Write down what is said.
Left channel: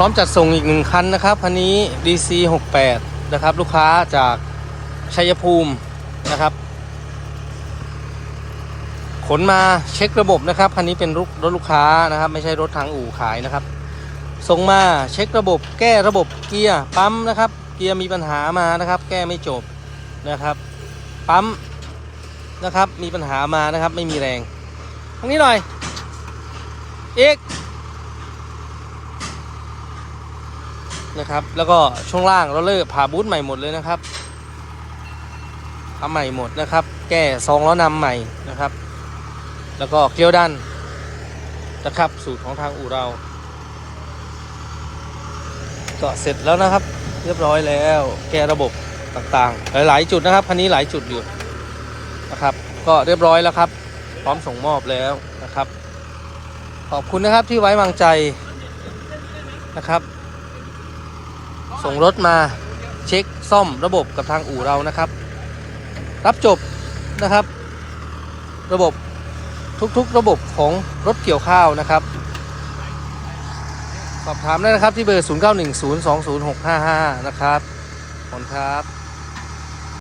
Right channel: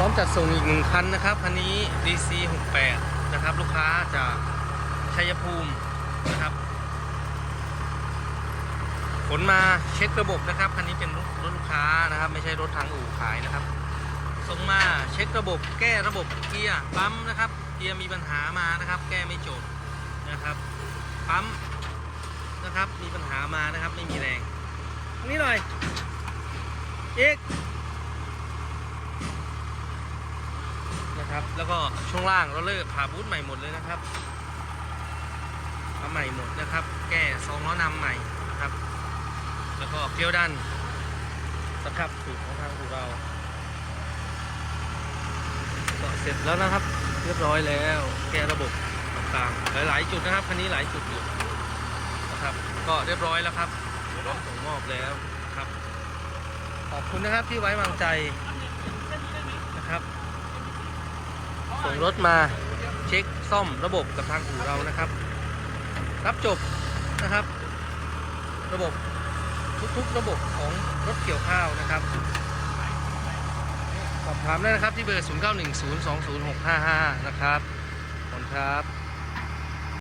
พร้อมจัดส่งอีกหนึ่งคันนะครับคันนี้ DC 68นะครับ ลูกค้าจากชัยภูมินะครับ ขนมาเช็คระบบนะครับคันนี้เป็นรถลูกค้านะครับ ไม่ใช่รถทางอู่ขายนะครับ ส่งมาเช็คระบบแก้ระบบเกียร์ปั๊มนะครับ เกียร์มีปัญหามานะครับ แก้ไม่จบนะครับ ปั๊มนะครับมีปัญหามานะครับ ไม่มีแรงตรงนี้หน่อยเอก นะครับ แล้วก็ช่วงล่างเราเลิกผ่าบูทใหม่หมดเลยนะครับทำใหม่หมดนะครับ แก้ซองล้อนำใหม่นะครับ แล้วก็เกลียวดันนะครับสูตรของทางอู่เรา ก็เสร็จแล้วนะครับ เรียบร้อยแล้ว แก้ระบบต่างๆ หลายๆจุดนะครับคันนี้หลายจุดอยู่นะครับ ก็เรียบร้อยแล้วครับ พร้อมส่งมอบแล้วนะครับ ขอบคุณนะครับที่ไว้วางใจนะครับ ส่งรถมาเช็คซ่อมระบบกับทางอู่เรานะครับ รับจบนะครับ ระบบทุกๆระบบของรถเกี่ยวข้าวนะครับ สอบถามได้นะครับที่เบอร์ 0910206555 นะครับขอบคุณครับ